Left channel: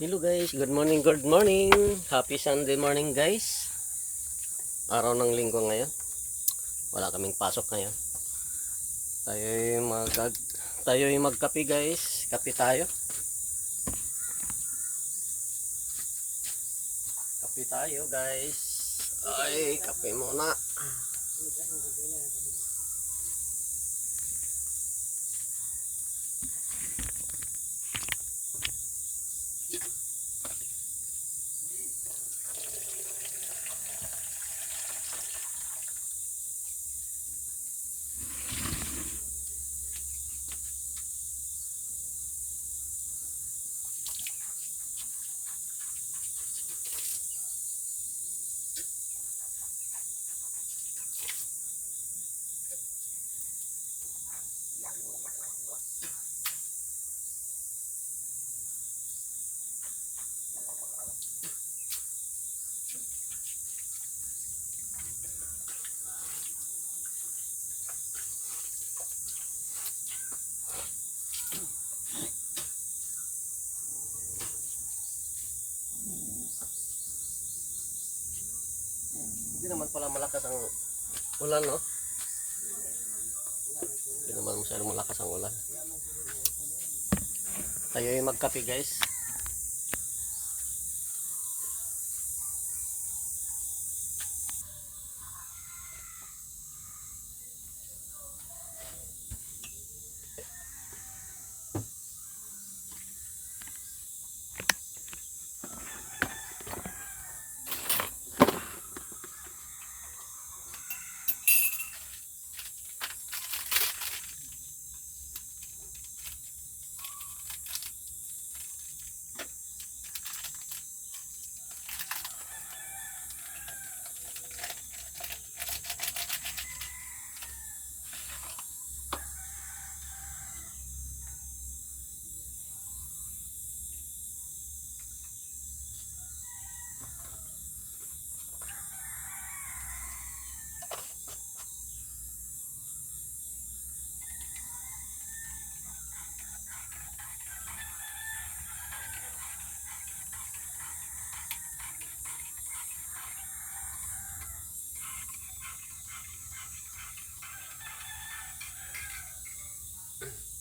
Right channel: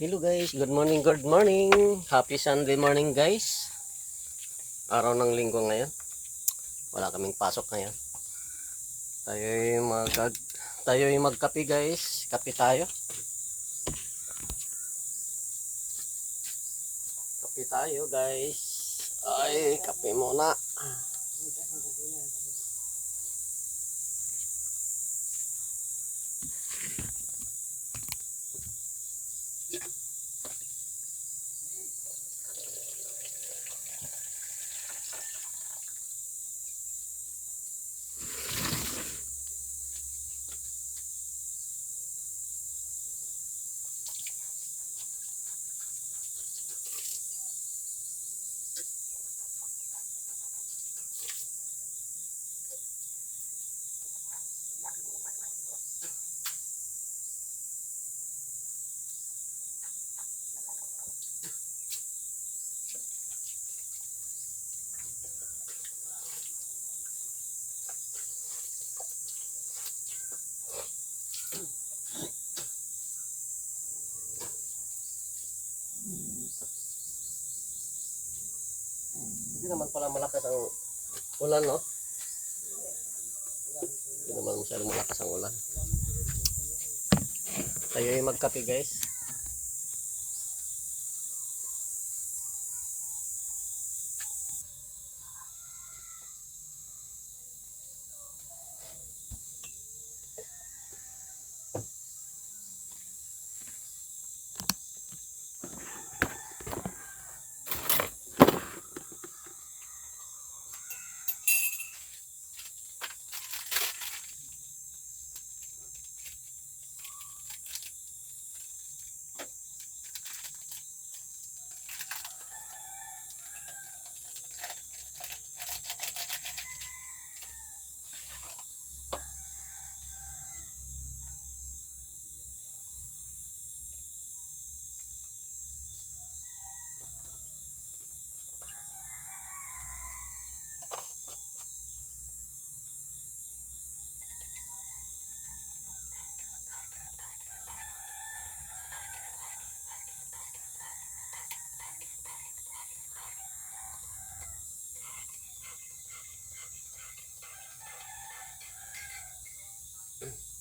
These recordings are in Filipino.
Hello guys, good morning, good morning. Happy Sunday morning guys. Araw ng linggo ngayon. Wala kaming pasok ngayon. Tayo'y magkape guys. Kape tayo. Kape tayo guys. Ay, kape muna. Hindi naman pala malakas ang ulan, no? Hindi naman masyadong malakas ang ulan. Tayo'y magkape guys.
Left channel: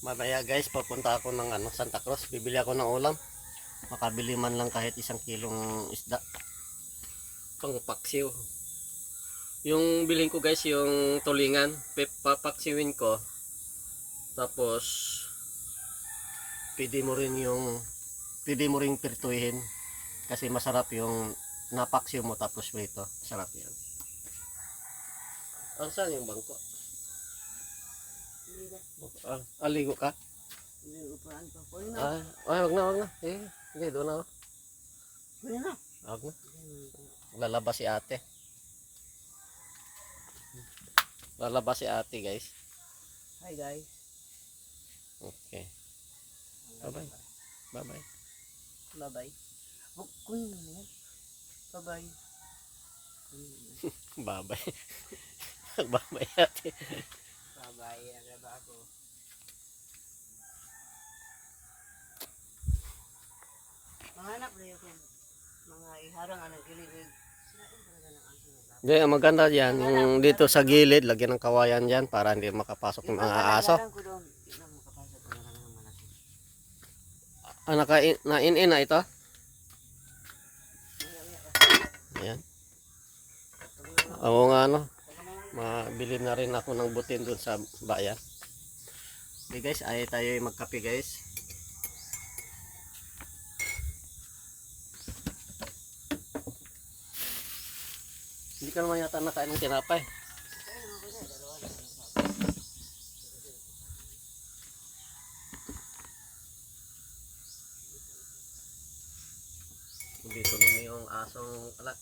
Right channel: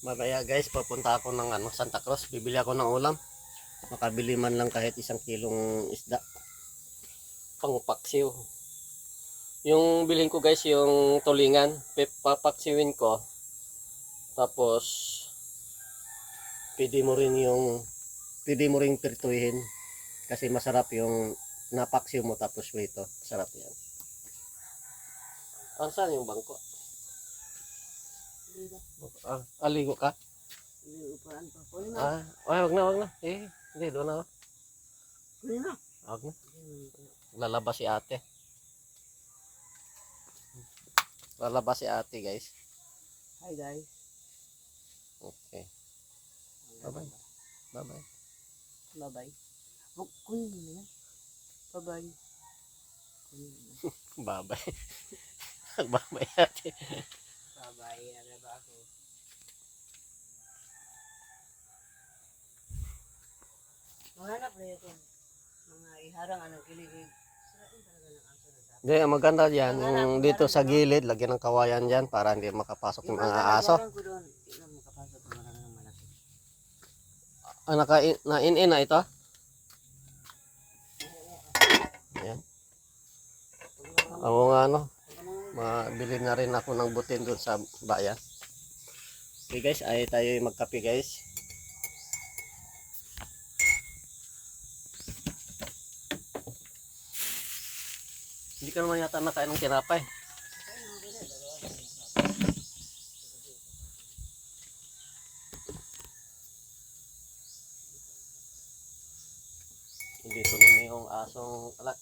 Mamaya guys, papunta ako ng Santa Cruz. Bibili ako ng ulam. Makabili man lang kahit 1 kilong isda. Pangpaksiw. Yung bilhin ko guys, yung tulingan. Papaksiwin ko. Tapos, pwede mo rin pirtuhin. Kasi masarap yung napaksiw mo tapos prito. Sarap yan. Saan yung bangko? Aligo ka? Wag na. Hindi, doon na. Wag na. Lalabas si ate. Guys. Hi guys. Okay. Bye-bye. Bye-bye. Bye-bye. Oh, kunin mo na yan. Bye-bye. Bye-bye. Bye-bye ate. Bye-bye. Agad ako. Mahanap na yun. Mga iharang anong kiligid. Sirain talaga ng aso na dapat. Hindi, maganda yan. Yung dito sa gilid, lagyan ng kawayan dyan para hindi makapasok ng mga aso. Iharang ko doon. Hindi na makapasok ng mga malaki. Na-in na ito? Ayan. Ako nga mabili na rin ako ng butin dun sa bayan. Okay guys, ay tayo magkape guys. Hindi ka naman yata nakain ng tinapay. Dito naman yung asong alak.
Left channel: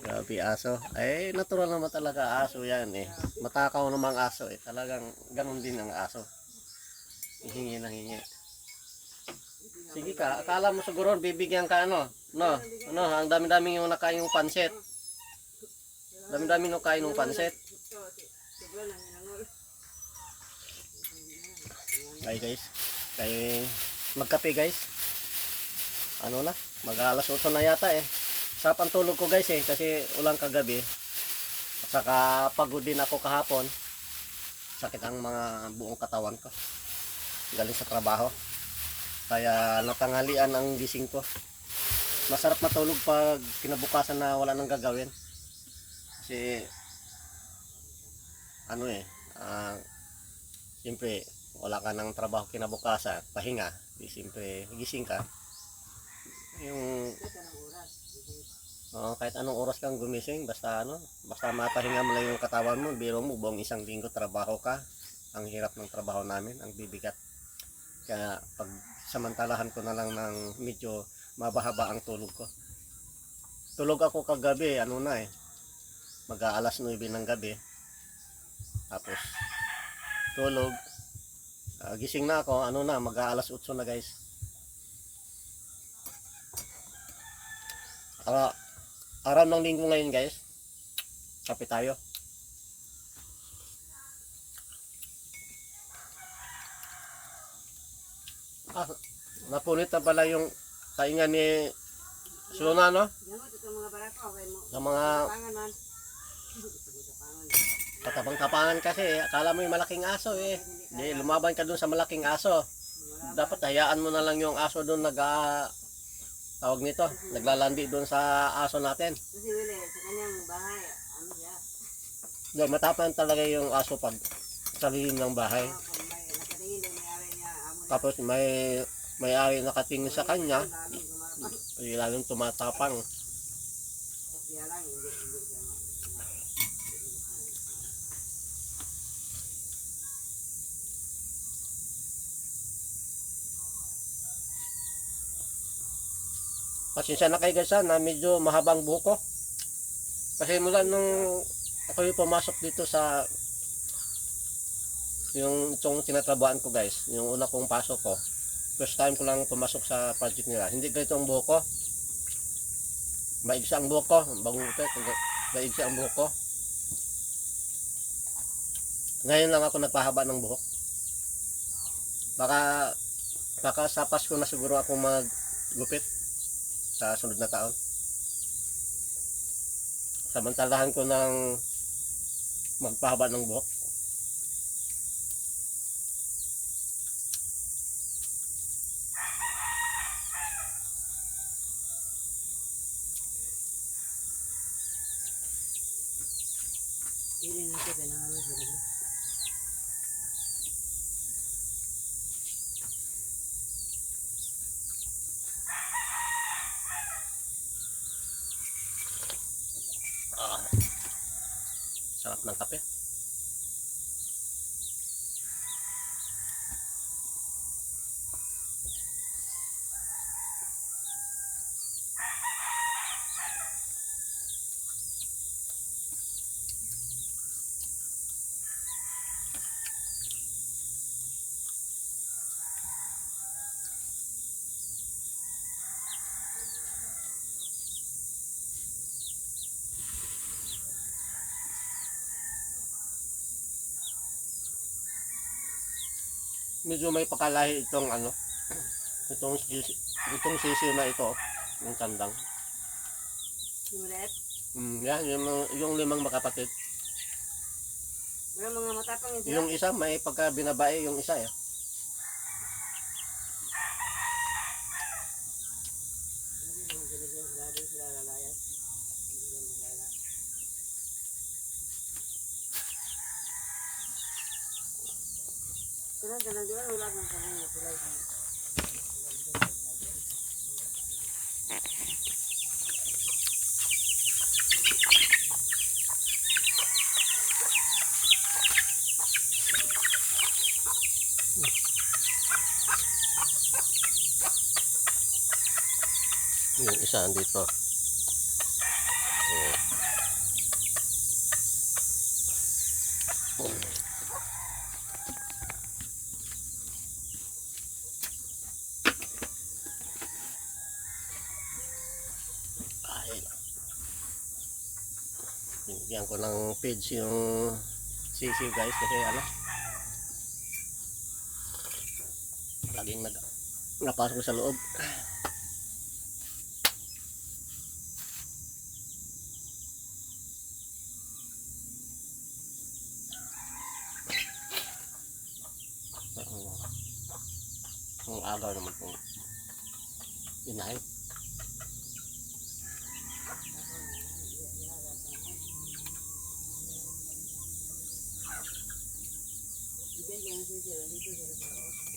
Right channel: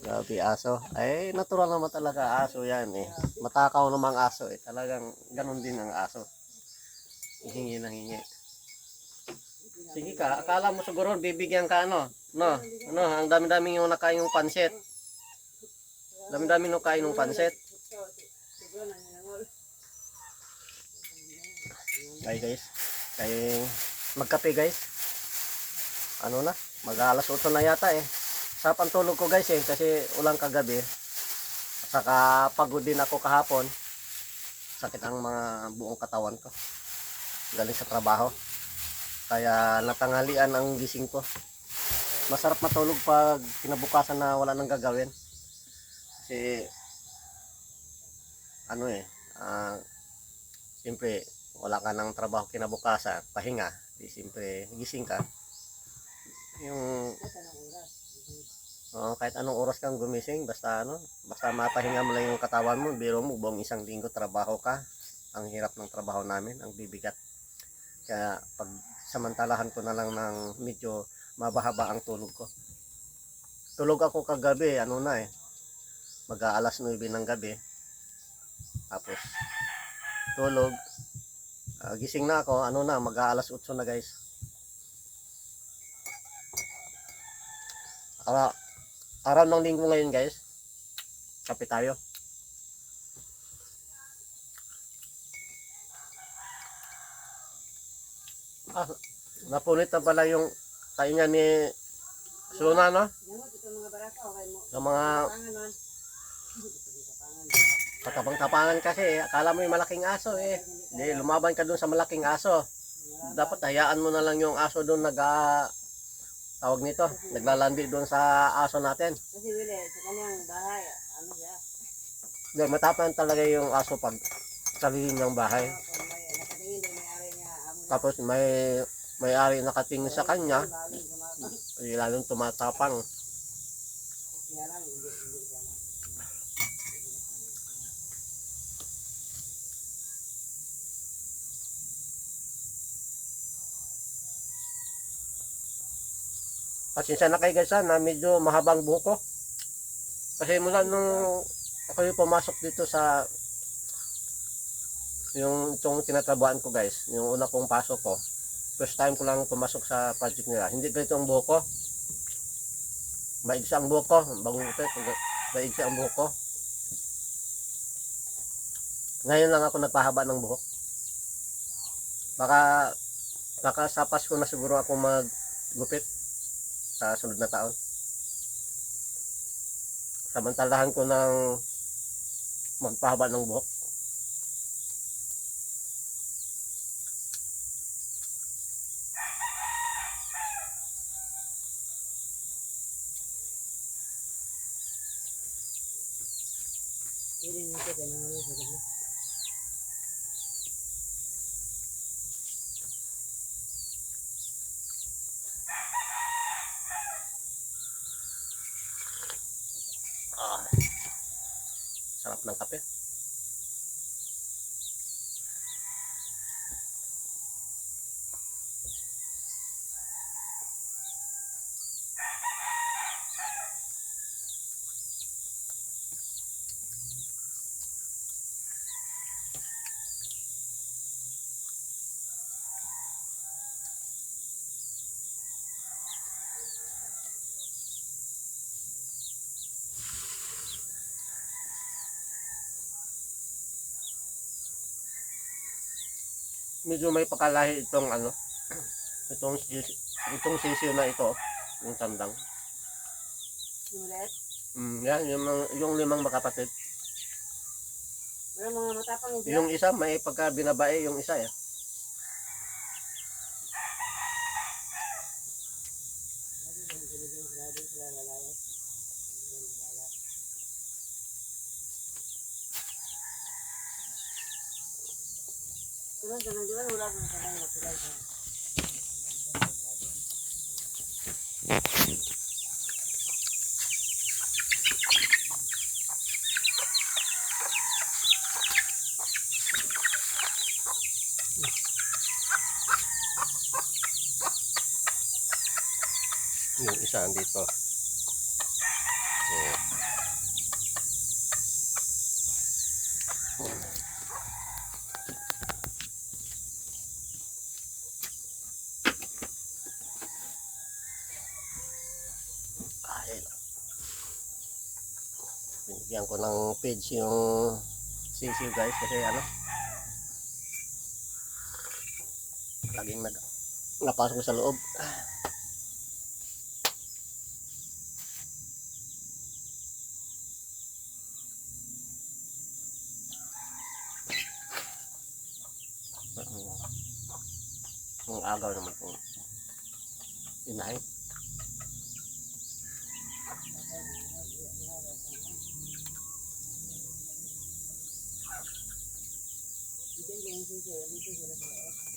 Grabe aso. Ay, natural naman talaga aso yan eh. Matakaw namang aso eh. Talagang ganun din ang aso. Hingi ng hingi. Sige ka, akala mo siguro bibigyan ka No, ang dami-daming yung nakain yung pansit. Dami-dami nung kain ng pansit. Ay guys, kay magkape guys. Ano na, mag-alas 8 na yata eh. Sarap ang tulog ko guys eh, kasi ulang kagabi. At saka pagod din ako kahapon. Sakit ang mga buong katawan ko. Galing sa trabaho. Kaya natanghalian ang gising ko. Masarap matulog pag kinabukasan na wala nang gagawin. Kasi ano eh, siyempre wala ka ng trabaho kinabukasan, pahinga. Di siyempre gising ka. Yung kahit anong oras kang gumising, basta mapahinga mo lang yung katawan mo. Biro mo, buong isang linggo trabaho ka. Ang hirap ng trabaho namin, ang bibigat. Kaya pag samantalahan ko na lang ng medyo mabahaba ang tulog ko. Tulog ako kagabi, mag-aalas 9 ng gabi. Tapos tulog, gising na ako, mag-aalas 8 na guys. Araw ng linggo ngayon guys. Kape tayo. Napunit na pala yung kaingan ni Suna, no? Sa mga katapang-tapangan kasi, akala mo yung malaking aso eh. Di, lumaban ka dun sa malaking aso. Dapat hayaan mo na lang yung aso dun tawag nito, naglalandi doon sa aso natin. Kasi wala, sa kanyang bahay, ano siya? Doon, matapang talaga yung aso pag sa lihim ng bahay. Nakatingin din, may-ari niya. Tapos may ari nakatingin sa kanya, lalong tumatapang. Kaya lang, hindi siya. Pasensya na kayo guys na medyo mahabang buhok ko. Kasi mula nung ako yung pumasok dito sa itong tinatrabahan ko guys, yung una kong pasok ko, first time ko lang pumasok sa project nila. Hindi ganito ang buhok ko. Maigsa ang buhok ko, bagong utet, maigsa ang buhok ko. Ngayon lang ako nagpahaba ng buhok. Baka sa Pasko na siguro ako maggupit sa sunod na taon. Samantalahan ko ng magpahaba ng buhok. Hindi na ito, pinangalas ko. Sarap ng kape. Medyo may pakalahi itong sisi na ito, yung tandang. Yung ulit, Yan, yung limang magkapatid. wala mga matapang yun sila. Yung isa may pagka binabae yung isa eh. Ganang di ba wala kang kanang na tulay ka. Yung isa andito. Oh. Binigyan ko ng page yung sisi guys kasi laging napasok sa loob. Ang agaw naman po. Inay. Bigyan yan siya dito sila sa loob.